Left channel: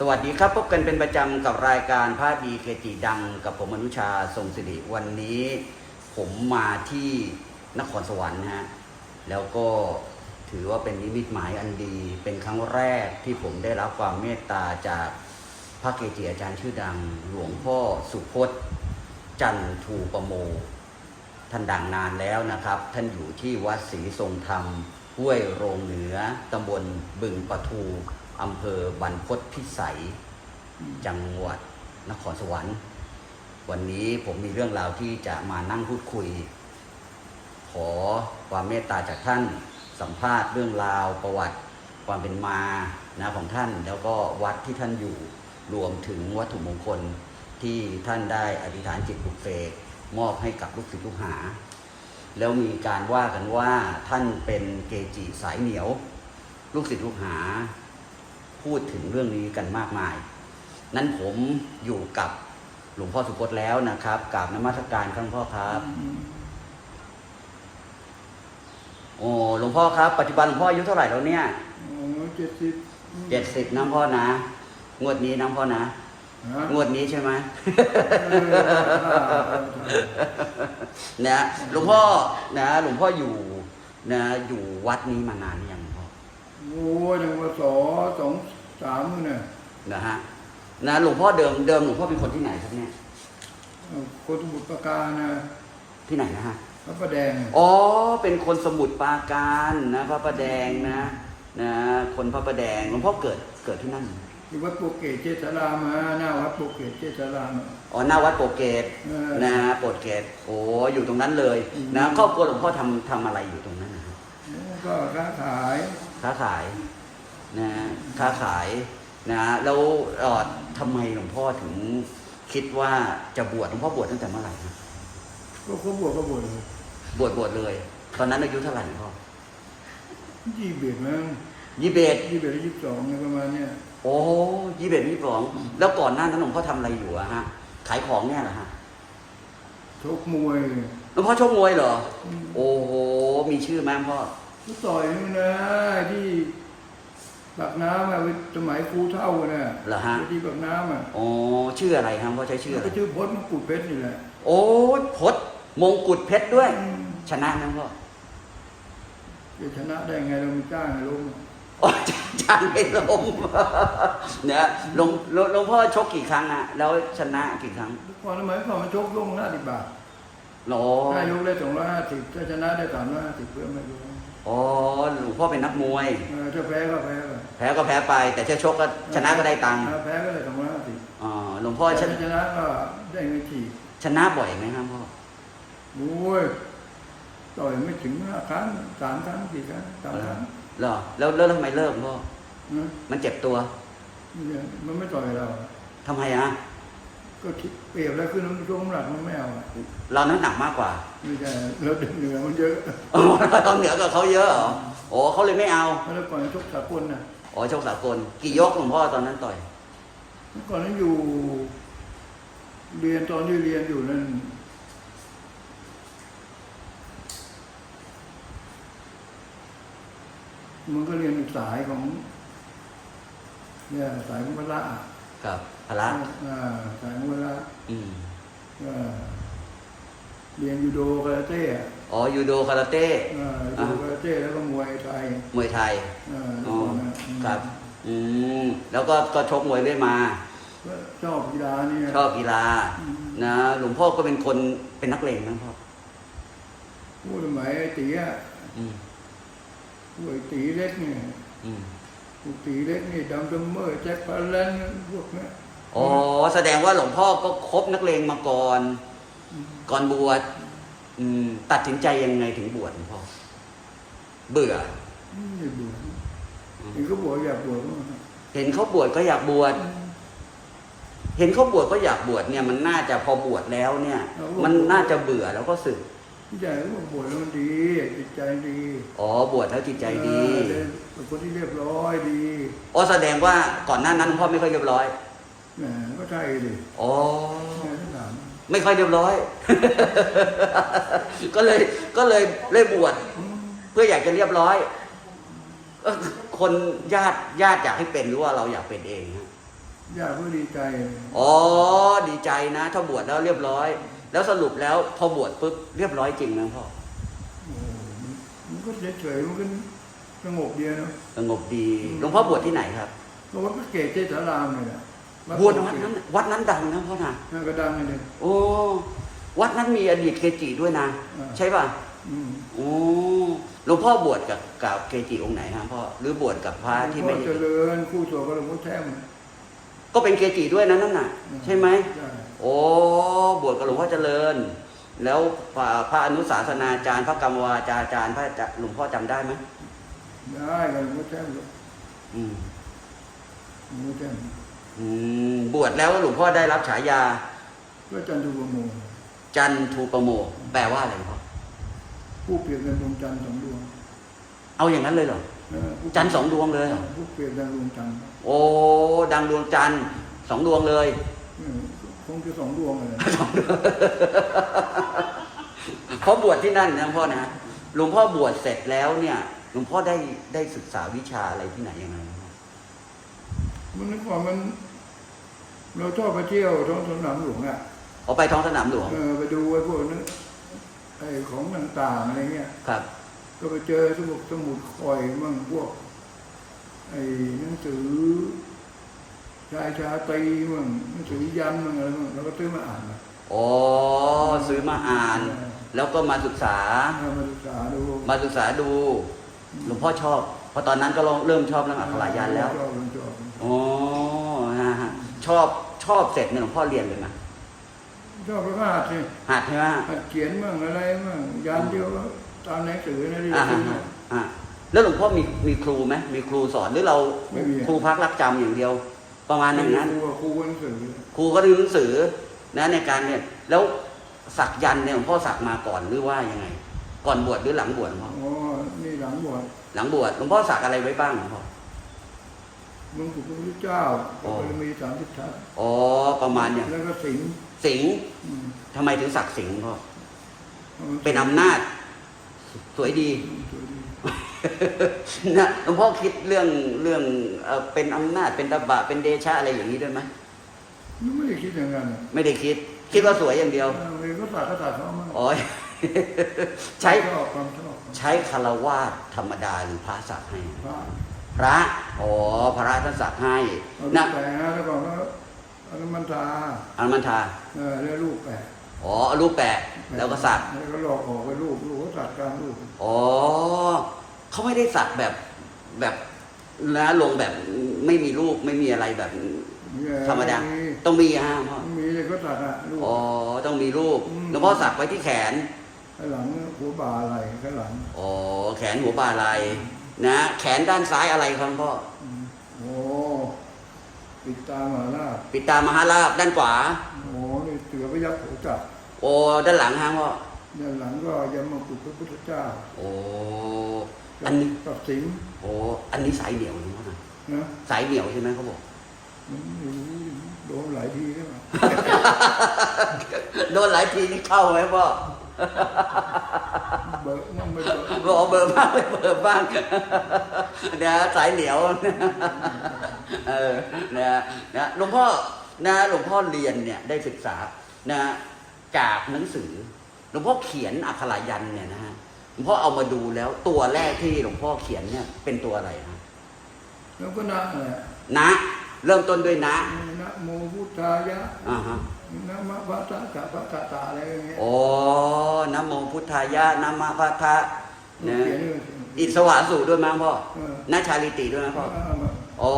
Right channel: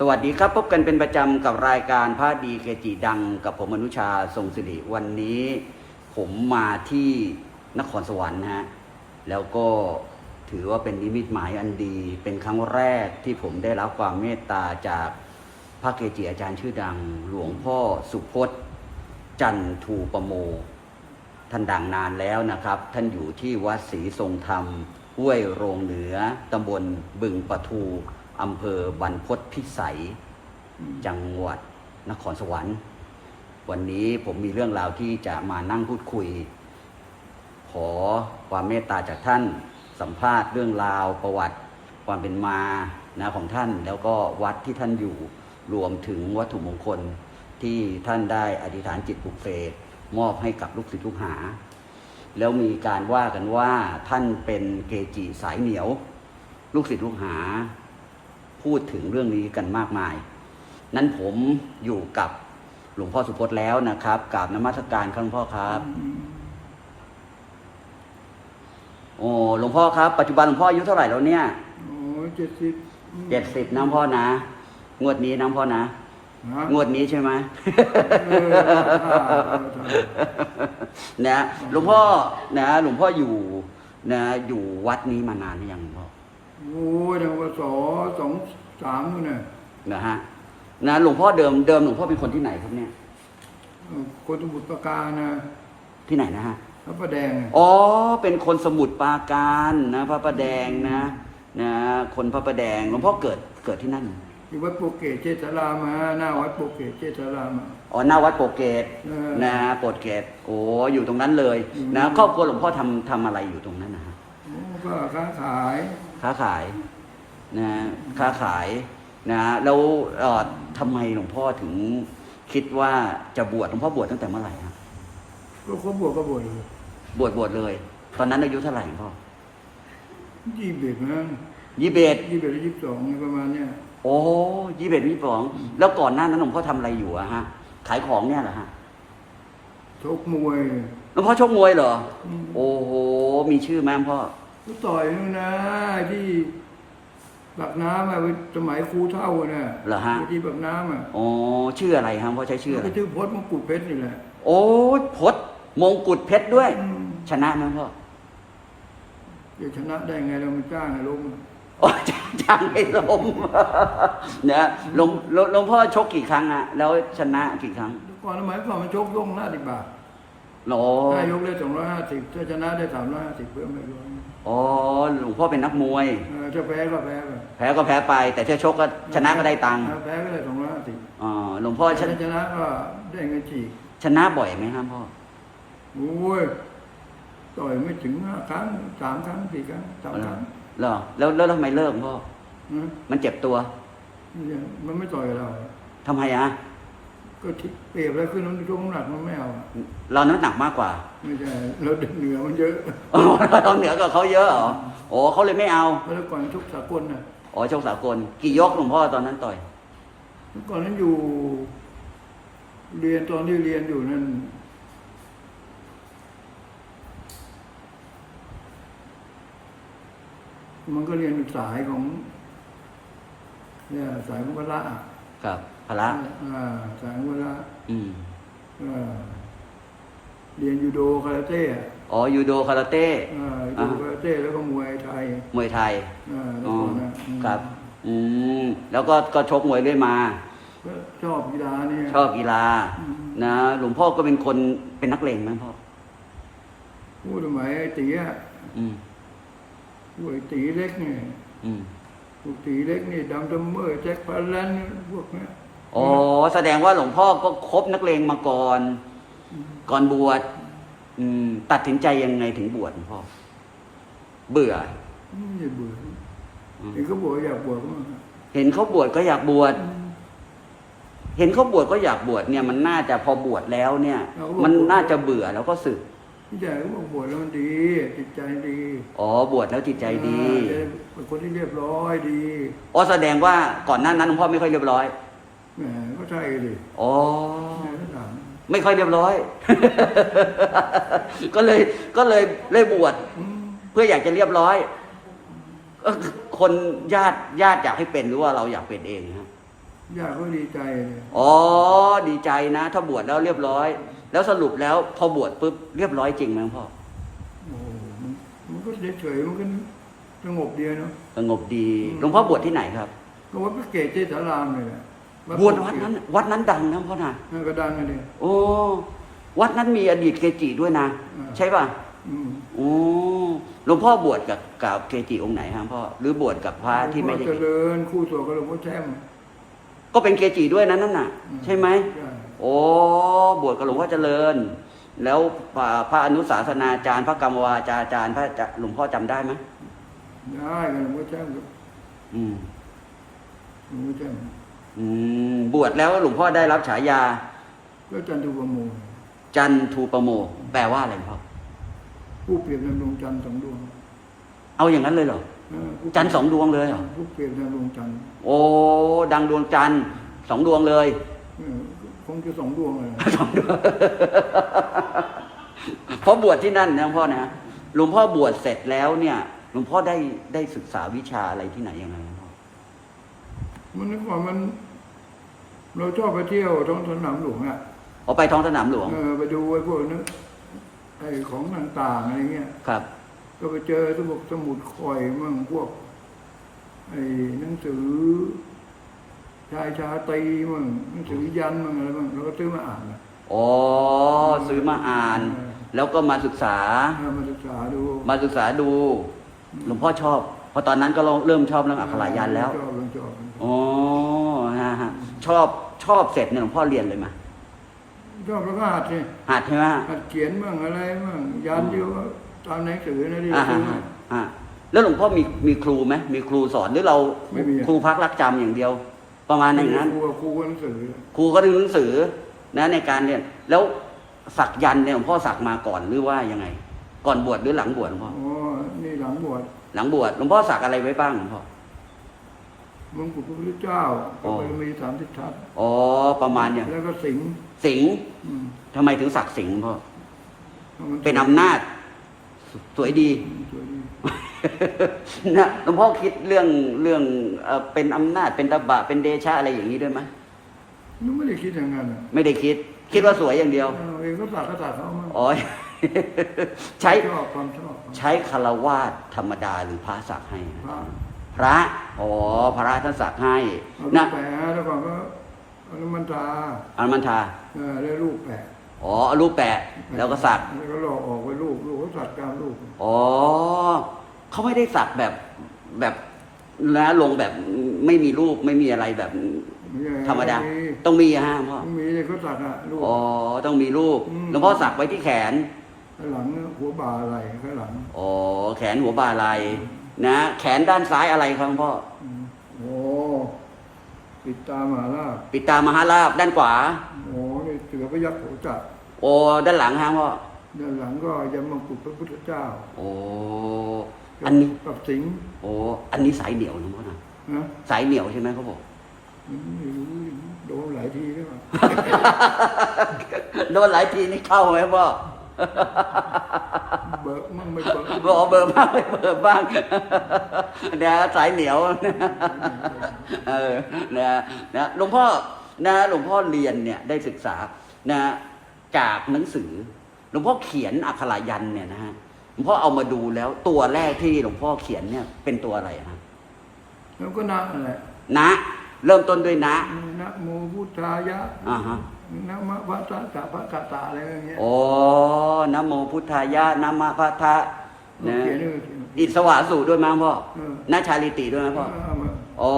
สวัสดีครับพบกันเป็นประจำกับรายการพระดีเกจิดัง กับผมอนุชาทรงสิริวันนี้ผมมาที่นครสวรรค์นะฮะแล้วก็ถือว่าเป็นนิมิตหมายอันดี เป็นครั้งแรกที่ผมได้รับความเมตตาจากพระเกจิอาจารย์ชื่อดัง หลวงพ่อสุพจน์จันทูปโม ท่านดังนานแล้วนะครับ ท่านอยู่ที่วัดศรีทรงธรรมห้วยโรงเหนือตำบลบึงปะทู อำเภอบรรพตพิสัย จังหวัดนครสวรรค์ วันนี้ผมมีเรื่องราวที่จะมานั่งพูดคุย ขอความเมตตาจากท่านสัมภาษณ์เรื่องราวประวัติความเป็นมานะของท่าน แล้วก็วัดที่ท่านอยู่รวมถึงวัตถุมงคลที่ท่านได้อธิษฐานจิตปลุกเสกมอบให้กับลูกศิษย์ลูกหา แล้วมีการว่ากันว่าท่านเป็นเกจิสายเหนียว ลูกศิษย์ลูกหา พูดถึงเรื่องนี้กันมากมาย นั้นผมอยู่กับหลวงพ่อสุพจน์แล้วนะครับกราบนมัสการท่านพ่อครับโอ้หลวงพ่อครับ ปัจจุบันหลวงพ่ออายุเท่าไหร่แล้วเนี่ยโอ้เจ็ดสิบเจ็ดสิบนะพ่อนะ งวดนี้นะพ่อนะฮะงวดนี้ใช่ไหมเออเอาท่าเอาท่านะหลวงพ่อนะหลวงพ่ออยู่นะอยู่วัดนี้มานานหรือยังครับ โอ้ยยังว่าสอสองสามนู่นน่ะนะฮะนะหลวงพ่อเดิมเดิมหลวงพ่อเป็นคนที่ไหนครับเนี่ยเอาคนสมุทรปราการนะที่ไหนนะฮะพระประแดงอ๋อเป็นคนสมุทรปราการนะพระประแดงนะนะคนพระประแดงหลวงพ่อเกิดเกิดที่นั่นที่วัดโปกเกตเจษารามาหน้าวัดโปกเกตเจษารามาอ๋อหน้าวัดโปรเกตเออนะโปรเกตโอ้อยู่ตรงนั้นเลยอืมนะครอบครัวหลวงพ่อทำทำอะไรอยู่ตรงนั้นนะครับโอ้ก็ค้าขาย ค้าขายนะค้าขายนะแล้วเอ่อทำไมหลวงพ่อถึงคิดว่าจะบวชหลวงพ่อบวชตั้งแต่เมื่อไหร่นะก็เขาบวกก็บวชเลยบวชบวชเลย ตอนนั้นอายุเท่าไหร่หลวงพ่อยี่สิบเอ็ดมั้งยี่สิบเอ็ดยี่สิบเอ็ดหรือยี่สิบสองเนี่ยประมาณเนี้ยโอ้ยี่สิบเอ็ดยี่สิบสองแล้วก่อนหน้านั้นหลวงพ่อทำอะไรอยู่อะฮะขายของเนี่ยเหรอฮะชกมวยหลวงพ่อชกมวยเหรออืมโอ้โหมีชื่อไหมพ่อ ก็ต่อยนู่นนะที่ปากน้ำอะสมัยครูเท่าอะน่ะเหรอฮะ ที่ปากน้ำอะอ๋อชื่ออะไรครับพ่อใช้ชื่อแล้วอะไรก็ชื่อพจน์มงกุฎเพชรนี่แหละ โอ้ยพดมงกุฎเพชรด้วย อืม ชนะนะพ่อจะชนะได้ไงเราไม่จ้างให้ล้มโอ้จ้างจ้างไม่ลงนะหลวงหลวงหลวงพ่อชกกี่ครั้งอะแล้วชนะกี่ครั้งก่อนสมัยก่อนมันชกยกห้าสิบบาท โอ้ถ้ายกได้สองร้อยห้าสิบถ้าชนะได้สามร้อยห้าสิบเพื่อไม่รู้อ๋อหลวงพ่อเป็นนักมวย เออถ้าแพ้ก็แพ้ไปแพ้ก็แพ้ไป แต่ถ้าชกก็ชนะก็ได้ตังค์ถ้าแพ้ก็ได้สองร้อยห้าสิบอ๋อหลวงพ่อชถ้านะชนะก็ได้เงินฉีกชนะบ่อยไหมครับพ่อโอ้ยต่อยไม่ถึงห้าครั้งสามครั้งสี่ครั้งสามครั้งเหรอแล้วแล้วทำไมเลิกพ่อนะมันเจ็บตัวเนี่ยมันไม่ต่อยเราทำไมอะ ก็ทิเปรียบแล้วขึ้นน้ำช่วงน้ำหนักมันไม่เอา เราน้ำหนักมากกว่า ไม่ใช่เราเดินเหนือมันเยอะเราต้องเหนือกว่าเขาเยอะเหรอโอ้เขาเลยไม่เอาเพราะแล้วก่อนชกสากลนะอ๋อชกสากลกี่ยกหลวงพ่อตอนนั้นต่อยเมื่อก่อนนั้นอยู่ เรียนตอนที่เรียนอยู่นั่นมันก็เรียนสายของ เนี่ยสายของพละอะกับ พระอ่าสายของพละอืมก็เรียนยูโดคาราเต้อะอ๋อยูโดคาราเต้อ่ายูโดคาราเต้แล้วก็มวยไทยมวยไทยอ่าแล้วก่อนนะอืมครับอืมแล้วก็ก็ชกมวยเรื่อยมาก็ชอบกีฬาเนี่ยชอบกีฬาอืมนะหลวงพ่อก็เป็นคนเป็นนักเลงนะพ่อพูดสมัยไอ้ตีอะอืมพวกไอ้ตีเล็กเนี่ยอืมพวกตีเล็กนี่ดำดำเมอร์แจ็คพาลันพวกเนี้ ยอ๋อแสดงว่าหลวงพ่อก็คบนักเลงมาก่อน ก่อนบวชอืมตัดสินใจยังไงถึงบวชหลวงพ่อ เบื่อไม่เบื่อเห็นเขาบอกอยากบวชก็มาเห็นเขาบวชก็อยากบวชเห็นเขาบวชก็อยากบวชเนี่ยมันน่าจะพอบวชแล้วเนี่ย มันน่าจะเบื่อแล้วก็สึกพี่ใหญ่เขาบอกบวชแล้วมันดีจิตใจดีอ๋อบวชแล้วจิตใจดีเออเป็นคนที่เรียบร้อยดีอ๋อแสดงว่าก่อนหน้านั้นหลวงพ่อไม่ค่อยเรียบร้อยแหม ก็ใช่ดิอ๋อแม่ก็ถามไม่ค่อยเรียบร้อย ก็เลยก็เลยเลยบวชอืมเพื่ออยากจะเรียบร้อยเอ้อคนญาติญาติอยากให้เป็นหรือว่าเราอยากเป็นเองญาติเขาดีใจเลยอ๋อ ดีใจนะ ถ้าบวชแล้วเรียบร้อย แล้วสรุปแล้วพอบวชปุ๊บเรียบร้อยจริงไหมพ่อโอ้มันมันก็เฉยๆมันก็สงบเดียวเนาะสงบดีอืมหลวงพ่อบวชที่ไหนครับก็วัดพระเกศเจษารามเลยแหละวัด บวชพระวัดเกศนั้นวัดนั้นดังนะพ่อนะนั่นก็ดังกันเลยโอ้วัดนั้นมีอดีตเกจิด้วยนะอ่าใช่ป่ะอืมโอ้หลวงพ่อบวชกับกับเกจิองค์ไหนฮะพ่อหรือบวชกับพระที่หลวไม่งพ่อได้เจริญคู่ตัวกับหลวงพ่อแช่มก็เป็นเกจิด้วยนะนั่นน่ะ ใช่ไหมใช่โอ้บวชกับหลวงพ่อเจริญ แล้วพระพระอนุสาสนาจารย์พระกรรมวาจาจารย์พระจะหลวงพ่อจำได้ไหมได้กับหลวงพ่อแช่มกับอืมหลวงพ่อแช่ม อืมบวชแล้วหลวงพ่อได้รับฉายาก็จันทุปโมจันทูปโมแปลว่าอะไรครับผู้เปรียบดังดวงจันทร์สองดวงเอาอย่างนั้นเลยเหรอเออผู้จันทร์สองดวงเลยเหรอผู้เปรียบดังดวงจันทร์โอ้ดังดวงจันทร์สองดวงเลย เออคงจะสองดวงเลยเขาบวชที่นั่นนะพ่อนะหลวงพ่อบวชเสร็จแล้วเนี่ยหลวงพ่อได้ได้ศึกษาวิชาอะไรที่ไหนยังไง มันนึกว่ามัน เราชอบไปเที่ยวท้องสนามหลวงอะออกไปท้องสนามหลวง เออไปดูไอ้พวกนั้นไอ้ของต่างๆอะไรเงี้ย ครับ ก็ไปเจอสมุดสมุดคอยมั่งพวก ไอ้หนังสือ ชายชาตรีมั่งหนังสือยันมั่งอะไรมั่งเราก็ซื้อมาอ่านนะอ๋อ ซื้อมาอ่าน แล้วก็มาศึกษา เอามาศึกษาดู มาศึกษาดู หลวงพ่อชอบ เพราะตอนนั้นก็เริ่มชอบเรื่องอักขระยันแล้วชอบชอบชอบอ๋อนะฮะชอบชอบเสร็จเนี่ยหลวงพ่อเรียนเลยไหมชอบแล้วก็หัดสิหัดใช่ไหมหัดเขียนมั่งอะไรมั่งยันเดียวก็ตามหนังสือนะที่เราอ่าซื้อมาอ่าแล้วหลวงพ่อมีมีครูไหมมีครูสอนหรือเราไม่มีครูพักรักจำอย่างเดียว ประมาณไม่นั้นได้นะครูกับครูกับหนังสือครูก็ดูหนังสือนะในการเรียนแล้วสักยันต์เนี่ยหลวงพ่อสักมาก่อนหรือว่ายังไง ก่อนบวชหรือหลังบวชหลวงพ่ออ๋อนี่หลังบวช หลังบวชหลวงพ่อสักอะไรไว้บ้างหลวงพ่อมงกุฎพระพุทธเจ้ากับบารมีสามสิบทัศน์อ๋อประมาณเนี่ยแล้วก็สิงห์สิงห์อืมทำไมถึงสักสิงห์หลวงพ่ออามาเป็นอำนาจ สวยดี สวยดีนะหลวงพ่อคิดเรื่องเรื่องเอ่อเป็นอำนาจเป็นตบะเป็นเดชะอะไรอย่างนี้ด้วยไหมนึกไม่ได้คิดอย่างนั้นอะไม่ได้คิด คิดว่าสวยอย่างเดียว เอาเองก็ตัดก็ตัดเขามั่งอ๋อ ใช้ชอบความชอบใช้คารวาสธรรมดาหรือพระสักให้ พระพระอ๋อพระท่านสักให้เอาลูนะกแปะแล้วก่อนก็เอาน้ำมันทาอันมันทาเออแล้วลูกแปะอ๋อเอารูปแปะแล้วก็สักแล้วก็หลอกออกไปลูกลูกก็ตัดกลางลูกอ๋อเขาไม่ได้สักแบบแบบนะลงแบบไม่มีรูปไม่มีอะไรแบบเนี่ยธรรมดาต้องมีต้องมีอะฮะหลวงพ่อต้องมีเขาตัดอะลูกอ๋อต้องมีรูปอืมหลวงพ่อสักไว้ที่แขน ข้างหลังหัวบ่าไหล่ข้างหลังอ๋อแขนหัวบ่าไหลนะ แขนด้านซ้ายอะไรครับหลวงพ่ออืมโอ้ปิดตามหาลาบปิดตามหาราบด้านขวาโอ้นี่เสือพยักษ์โสจักรโอ้ด้านหลังฮะพ่อด้านหลังก็ยมมกุฎพระพุทธเจ้า โอ้กัอันนี้กับสิงห์โอ้อันนี้สายเหนียวนะนะสายเหนียวใช่ไหมครับผมมันไม่รู้โดนหลายทีแล้วอะโดนหลายทีนี่เข้าไหมพ่อ เบิกมั่งไม่เบิกรอเบิร์บ้างไม่เบิร์บ้างเดี๋ยวสายเหนียวเออนะนะหลวงพ่อนะหลวงพ่อเรียนเนี่ยได้ศึกษานะจากหนังสือหลวงพ่อเขียนอักขรายันเนี่ยนะฮะหลวงพ่อเอามาดูแล้วตัวแรกที่หลวงพ่อเขียนเนี่ยเป็นตัวอะไรนะแล้วก็นะแหละนะ เริ่มต้นด้วยนะนะโมพุทธายะอ่าฮะ นะมะพะตะตะพะตะตะอะไรอย่างเงี้ยโอ้นะโมพุทธายะนะมะพะทะเรานะเขียนด้วยสิอิสวาสูด้วยมั้งพ่อเออนาชาลิติด้วยมั้งพ่อเอามาอ๋อ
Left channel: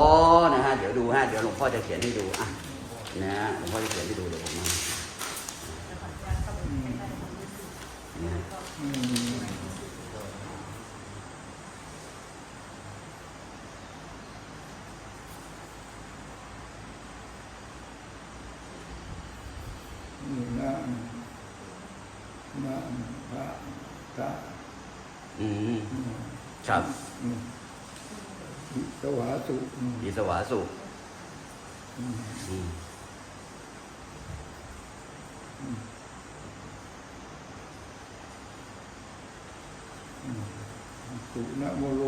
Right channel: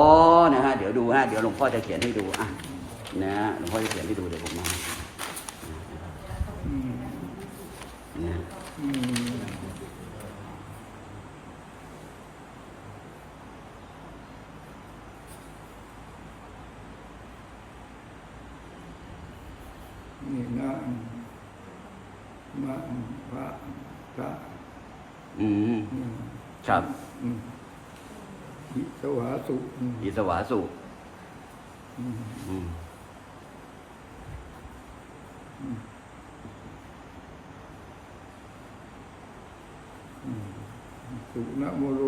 นะฮะเดี๋ยวดูฮะเดี๋ยวหลวงพ่อจะเขียนให้ดูอะนะฮะหลวงพ่อจะเขียนให้ดูเลยนะ อืม นะฮะ อืมนี่นะมะพะตะ อืม อืม ครับ อืมอิ สวาสุอืมอิสวาสุอืมอืมสุนะโมโร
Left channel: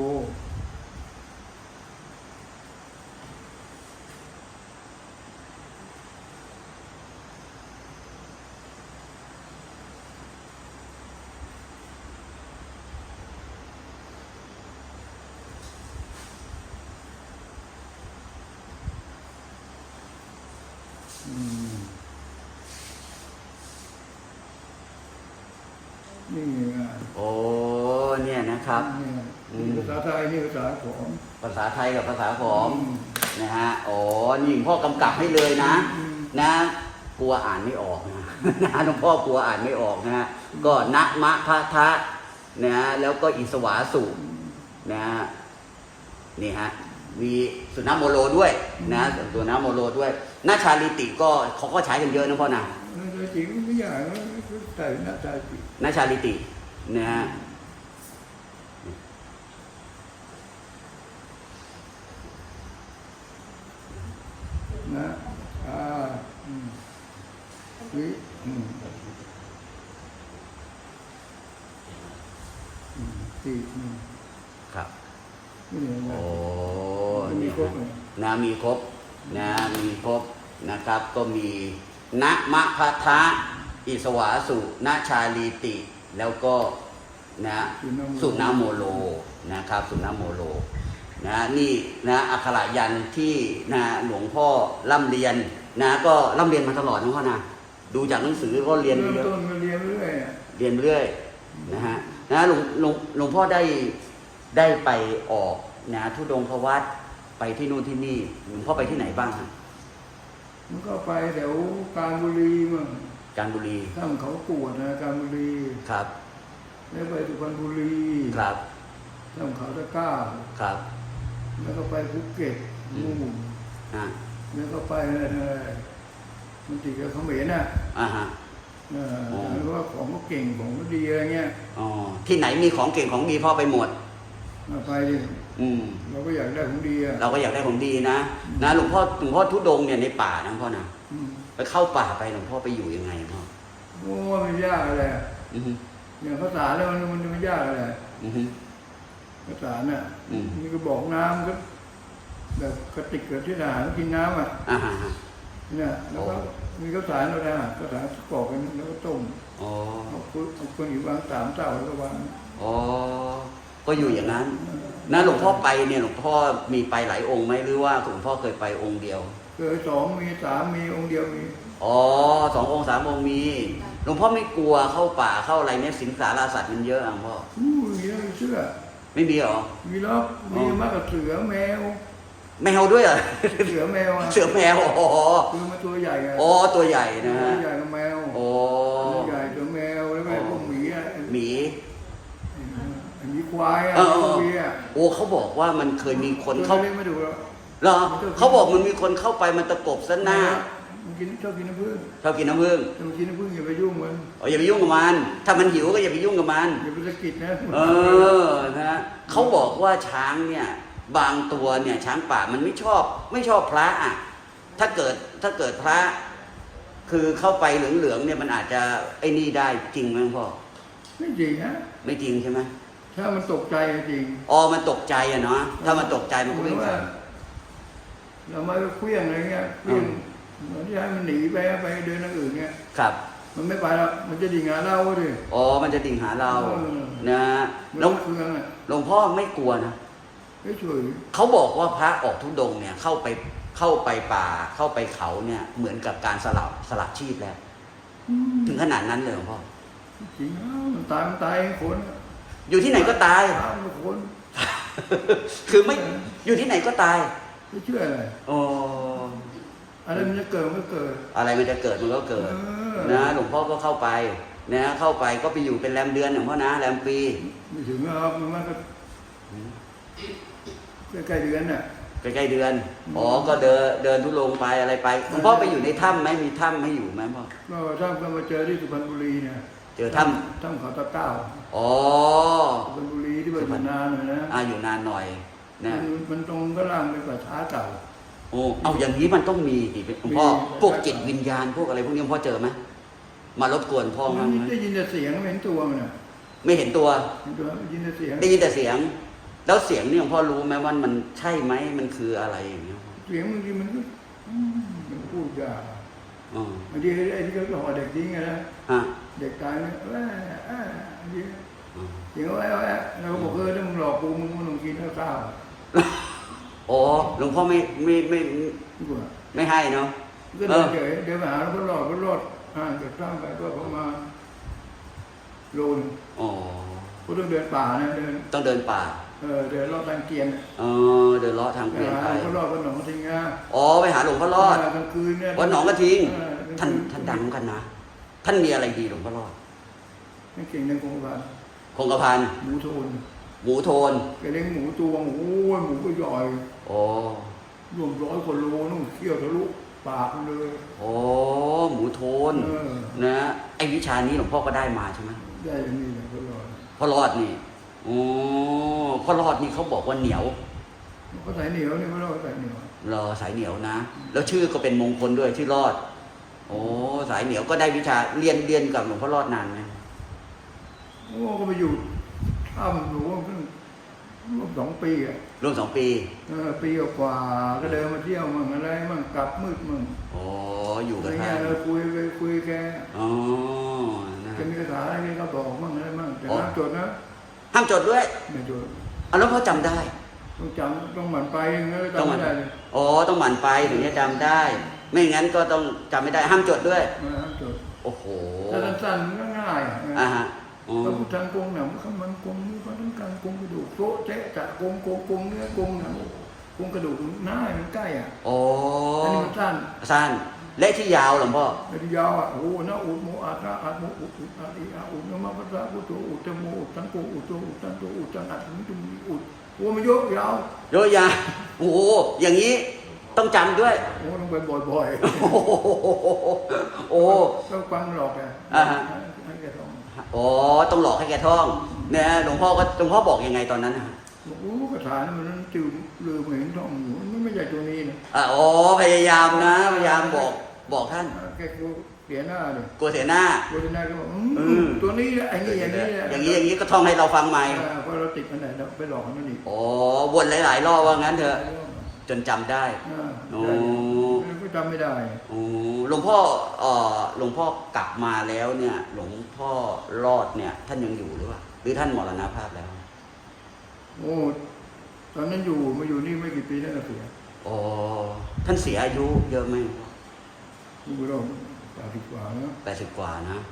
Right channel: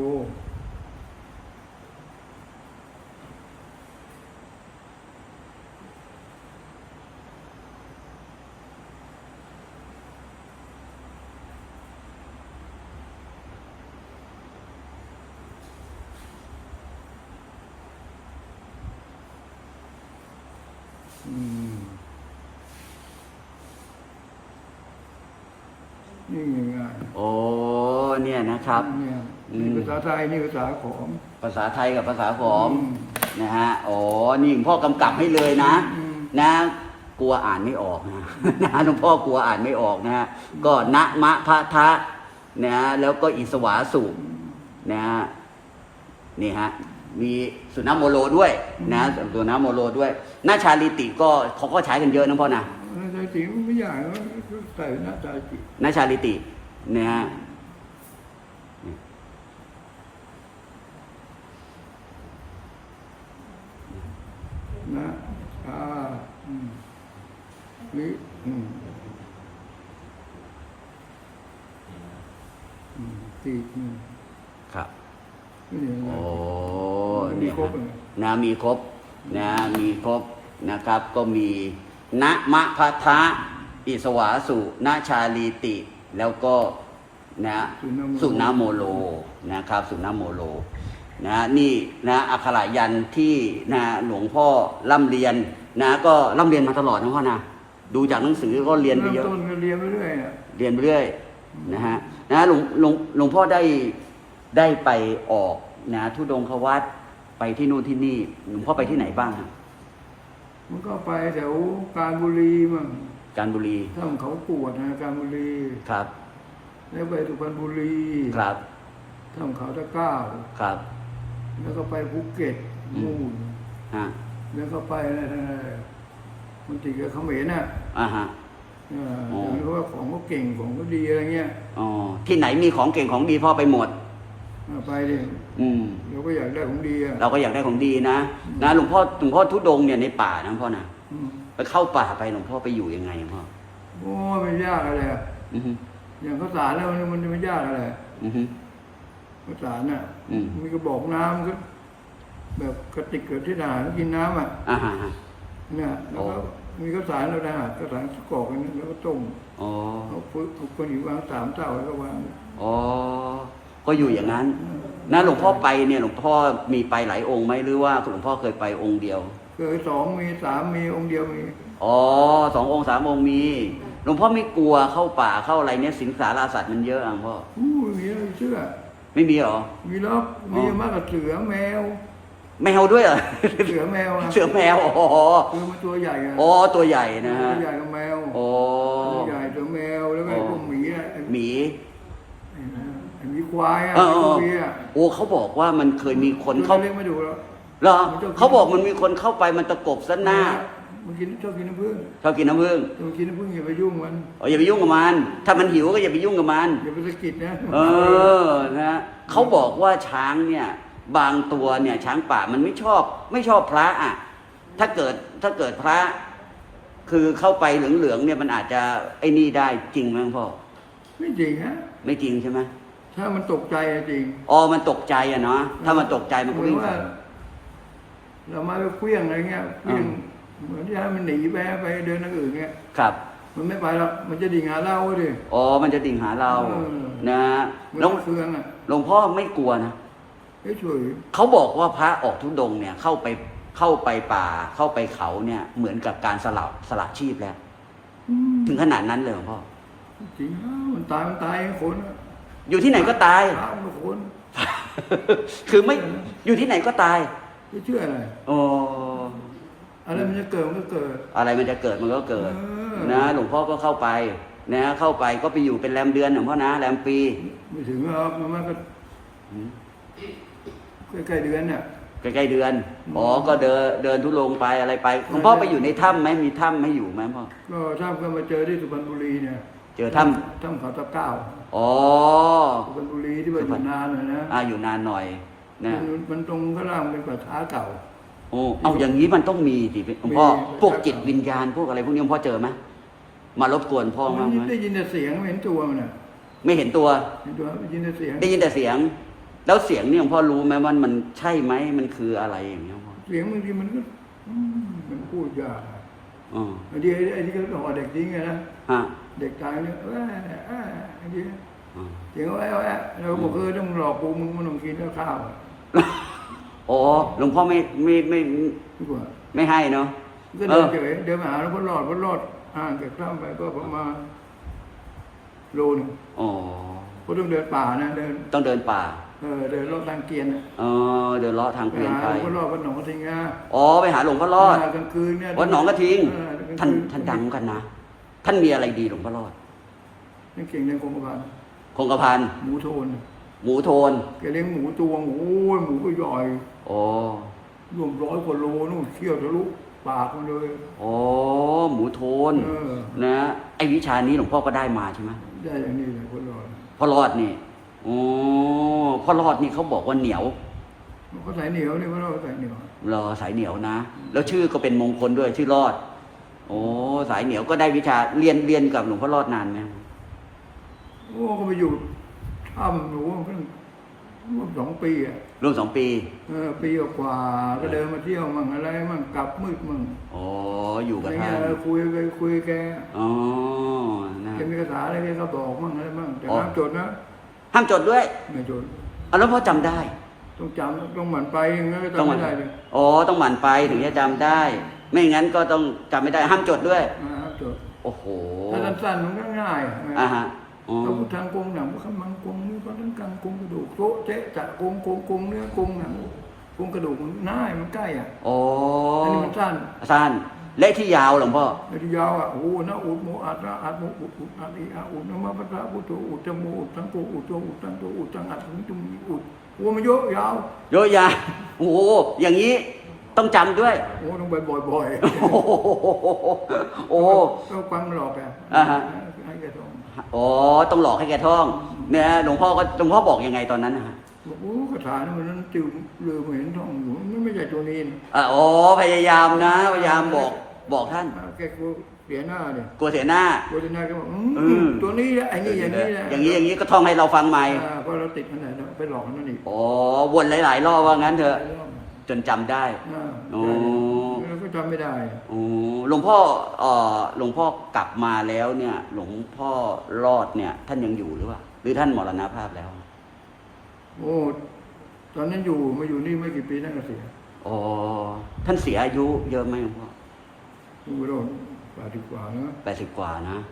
นี่ไงโอ้เนี่ยนะครับ เนี่ยอืม นี่ภาษาไทยนี่ภาษาขอม ภาษาไทยกับภาษาขอมอืม นะฮะอ๋อนี่หลวงพ่อกำกับให้เลยนะ อืม นะกลัวอ่านไม่ออกนะ นะหลวงพ่อกลัวอ่านไม่ออกนะฮะก็นะมะพะทะนะแล้วก็อิสวาสุนะฮะนี่ฮะมีสุนัขโมโลด้วยนะสุนัขโมโลด้วยนาชาลิติก็เขาก็ใช้กันเยอะนะพ่อนะ นาชาติไม่อยากก็ใส่นาชาตินาชาลิตินะฮะนะอ่าอืมนี่อืมอืมตีอืมครับนี่เนี่ยนะโอ้มันก็มีครบเลยนะมีครบนะมีครบนะครับก็มี นะมะพัทะอิสวาสุนาชาลีติ แล้วก็นะสุนาโมสุนาโมโลนะครับสุนาโมโลนะนี่นะอักขรายันที่นะหลวงพ่อร่ำเรียนนะก็ร่ำเรียนมาตลอดนะพ่อนะดูจากหนังสือก็เรียนเริ่มเยอะต้นก็เรียนไปเรื่อยอะเรียนเรื่อยนะฮะนะหลวงหลวงหลวงพ่อได้ได้ไปออกนะทุดงควัดไปที่นู่นที่นี่หลวงพ่อไปที่ไหนบ้างครับ มันก็ไปแถวการบุรีมั่งการบุรีถ้ำเขาปวดนะการบุรีครับ แล้วไปสุพรรณบุรีครับถ้ำเขาตะกร้าครับ แล้วก็ไปภูเก็ตนู่นฮะแล้วก็ไปอะไรนะมันติดกับเขมรน่ะอ่าฮะเอออย่างนี้เพราะว่าของก็เก่งของก็ดีอะไรเงี้ยอ๋อที่ไหนมีของเก่งของดีพ่อไปหมดเอาไปดิ อืม เราก็อยากได้ของดีอะเราก็อยากได้ของดีนะนะหลวงพ่อหลวงพ่อทุดงค์เนี่ยในป่านะหลวงพ่อนะอืมไปเข้าป่าไปหลวงพ่อไปอยู่ยังไงพ่อโอ้มันยากอะไรอะอือฮึอย่างข้าวสารแล้วมันมันจะไม่ยากอะไรอือฮึ ข้าวสารน่ะอืม มีกระบอกน้ำก็ แบบกระติกเกิดที่ทหารกินน้ำอะอ่าฮะเนี่ยแล้วก็มีข้าวสารเราได้หาข้าวสารกรอกกันแล้วก็ต้มอ๋อเอาคนเอาคนอยู่วางสามเต้าแล้วก็วางอ๋อก็อยู่อย่างนั้น นะหลวงพ่อไปเนี่ยหลวงพ่อมีไปหลายองค์ไหมหรือว่าหลวงพ่อเคยไปองค์เดียว เคยสองมีสามมีองค์เดียวมี อ๋อสององค์สามองค์มีหลวงพ่อไม่กลัวเข้าป่าเข้าอะไรเนี่ยสิงสารสัตว์มันเยอะอะหลวงพ่ออู้มีแล้วมีเชื่อ ไม่มีเหรอ มีล็อกมีมากกับเสือแมว แมวด้วยเหรอเสือแมวอะเสือแมวอ๋อคือมันตัวใหญ่อะอ๋อตัวใหญ่นะตัวใหญ่กับแมวอ๋อตัวใหญ่ตัวแมวแล้วก็ไอ้พวกหมีอะไอ้หมีไอ้ไอ้หมี ควายอะเออไอ้พวกหมีอะโอ้เขาบอกว่ามันเคยมีคนตัวเข้าเล็กไม่ดูแล้ว เหรอเขาบอกมันมีคนเข้าไปมันตะปบซะหน้ามันกินชอบกินน้ำผึ้งชอบกินน้ำผึ้งถ้ามันกินน้ำผึ้งอย่าไปยุ่งมันอ๋ออย่าไปยุ่งกับมัน ถ้ามันหิวก็อย่าไปยุ่งกับมัน อย่าไปสะกิดนะเออนะเขาบอกว่าช้างเนี่ย บางตัวเนี่ย ช้างป่ามันไม่ชอบ ไม่ชอบพระอะถ้าเกิดถ้าเกิดพระ คือเข้าไปเหลืองๆเนี่ยมันอาจจะไอ้นี่ได้จริงไหมพ่อไม่จริงฮะไม่จริงใช่ไหม ถ้ามันตกใจอะจริงอ๋อมันตกใจอะเนาะถ้ามันตกใจมันเหก็มือนวิ่งว่า เรามาไปเคลี้ยงอะไรเงี้ยเคลี้ยงเหมือนที่ให้มันหนีไปไปเดินทางอื่นเงี้ยครับมันไม่ไปแล้วมันจะดิ่งหาเราดิ อ๋อมันจะดิ่งหาเราเออ นะมันแล้วเครื่องอะหลวงพ่อไม่กลัวนะไม่ช่วยเขาบอกว่าพระออกทุดงค์เนี่ยเข้าไปเข้าไปป่าเข้าไปเขาเนี่ยเหมือนกับการสลับสลับชีพแล้วอืมถึงขนาดนั้นเลยเหรอพ่อจริงอ้าวมันตายมันตายเองคนอะ อยู่ที่ไหนก็ตาย อ้าวมันคนคือไม่อยู่ที่ไหนก็ตายไม่เชื่ออะไรอ๋ออะไรมันจะเกิดมันก็เกิด อะไรมันจะเกิดมันก็เกิดเออนะหลวงพ่อก็เข้าไปนะเข้าไปก็ไปอยู่เป็นแรมเดือนหลวงพ่อนะแรมปี ไม่ถึงหรอกมันมันก็ใกล้ๆเดือนน่ะใกล้ๆเดือนอ๋อก็เดินเดินทุรงไปอะไรไปหลวงพ่อไปอยู่ในถ้ำไหมมีถ้ำให้อยู่ไหมพ่อก็ถ้าก็มาเจอที่สุพรรณบุรีเนี่ย เจอถ้ถ้ำเขาตะเก้าำอ๋อสุพรรณบุรีที่ว่าอยู่นานนะนะอ่าอยู่นานหน่อยนะมันมันตรงก็ล่างเป็นป่าช้าเก่า โอ้เอาอย่างนี้มันต้องมีดิหลวงพ่อมี พวกจิตวิญญาณพวกอะไรพวกนี้หลวงพ่อเจอไหมมารบกวนพ่อไหมมันได้ยินแต่เสียงไม่เห็นตัวมันน่ะไม่เห็นตัว เห็นตัวได้ยินแต่เสียง ได้ยินแต่เสียง แล้วเสียงนี่หลวงพ่อรู้ไหมว่ามันใช่ไหมมันคืออะไรอย่างเงี้ยเสียงบางทีมันก็อืมมันพูดยากอืมบางทีไอ้ไอ้ที่เขาห่อเด็กทิ้งไงนะ ฮะ เด็กตายเนี่ยเอ้ยเอ้ยไอ้ที่อืมเสียงว่าไอ้ไอ้เราก็บอกเออถ้ามึงหลอกกูมึงมันต้องกินข้าวอ๋อหลวงพ่อไม่ไม่ไม่ดีกว่าไม่ให้เนาะก็เดินเฉยเดินมาหาแล้วก็รอดก็รอดห่างจากถ้ำไปก็ประมาณโลหนึงอ๋อก็ต้องเดินป่านะเดิน ต้องเดินป่า เออเดินรอบทางเกียนน่ะเออเดินเลาะทางไปเกวียนหาไปหลวงพ่อรอดวัดหนองกระทิงอะอ๋อไปหาหลวงพ่อรอดากลางคืนเนี่ยวัดหนองกระทิงเออกลางท่านคืนท่านดังกันนะ ท่านมีอะไรดีหลวงพ่อรอดไม่เก่งในกรมกพันคงกระพันหมูโทนหมูโทนแกเลี้ยงหมูตัวหมูโอ้ยหมูก็ใหญ่โอ้รวมร้อยกว่าโลนู่นเคี่ยวทะลุปากมันเลยโอ้หมูโทนเออนะไอ้วิชานี้หลวงพ่อก็ได้มาใช่ไหมได้อย่างนี้เลยคนรอดพ่อรอดนี่โอ้พ่อรอดนี่เขาบอกว่าเหนียวก็ใส่เหนียวนี่พ่อรอดใส่เหนียวรอสายเหนียวนะ แล้วชื่อก็เป็นมงคลด้วยชื่อรอดโอ้สายเหนียวก็ได้วิชาเรียนเรียนกับหลวงพ่อรอดนานไหมโอ้ก็ไปอยู่ถ้ำหนูเพิ่งร่วมสองปีอะรวมสองปีเออปีกว่าๆก็เดินมาเที่ยวมั่งอะไรมั่งกลับมืดมั่งโอ้อยู่อะกับไรเงี้ท่ายนเราคุยไปคุยแกอ๋อนะแกมีคาถาอะไรแกก็บอกมั่งอะไรมั่งแต่น้ำจดนะห้ามจดด้วยไม่จดเอาแล้วพ่อจำได้ ต้องจำต้องหมั่นไปอย่างนั้นก็จำไม่ได้เลยอ๋อต้องหมั่นไปถึงจะจำได้ ไม่งั้นก็ต้องจำไม่ได้ห้ามจดด้วย มาห้ามจดโอ้โหถ้าสั้นๆมันก็ง่ายอะอ่าฮะอืมเราพุทธังกงหนังขมังกงมือพันกังกงกระดูกโต๊ะเจ๊ะจะกงกงกงเนื้อกงหนังกงกระดูกมันง่ายมันใกล้อะโอ้อันนี้มันสั้นสั้นและที่ยาวหลวงพ่อ ไม่ได้ยาวอะโอ้โหนะอุดโมอัดนะอัดโมอุดอุดอัดอีอาอุดนะมาพัทธะพุทโธอุดจมูกอุดทั้งโกอุดโตอุดทั้งโตอุดทั้งอัดถึงตุงมีอุดโอ้มันเยอะยาวเยอะยาโอ้โหอย่างนี้ ต้องจำด้วย โอ้ต้องไปบ่อยโอ้โหๆโอ้ ต้องฟังหลอกอะอ่าฮะ ให้แกท่องอ๋อต้องหลอกให้แกท่องเนี่ยหลวงพ่อก็หลวงพ่อบอกยังไงตอนนั้นนะบอกโอ้คาถานี่มันนั้นจืดลืมเห็นท่องอยู่มันไม่ใช่ตัวนี้นะอะอ๋อพยายามนะพยายามบอกบอกท่านแกกลัวเสียหน้าเนี่ยกลัวเสียหน้า กลัวเสียหน้าก็บอกอือืมมตัวนี้แหละไอ้นี่อย่างนี้แหละอย่างนี้อย่างนี้ก็ท่องให้เราฟังใหม่อ่าเพราะเราติดมันไหนเราไปหลอกมันนั่นอีกอ๋อวนหลาย ๆ รอบว่างั้นเถหอะลายรอบอะ จนจำได้อ่าอืใช่มแล้วก็จำไม่ได้อืมหลวงพ่อเอ่อหลวงพ่อกลับมาแล้วเนี่ย หลวงพ่อรอดเนี่ย ท่านยังอยู่หรือเปล่าหรือท่านมรณภาพแล้วโอ้ ตอนนั้นอยู่มาอยู่นี่ไม่กี่ปีนั่นก็เสียอ๋อท่านเสียอายุเยอะไหมคุณโรดแปดสิบกว่านะแปดสิบกว่านะอ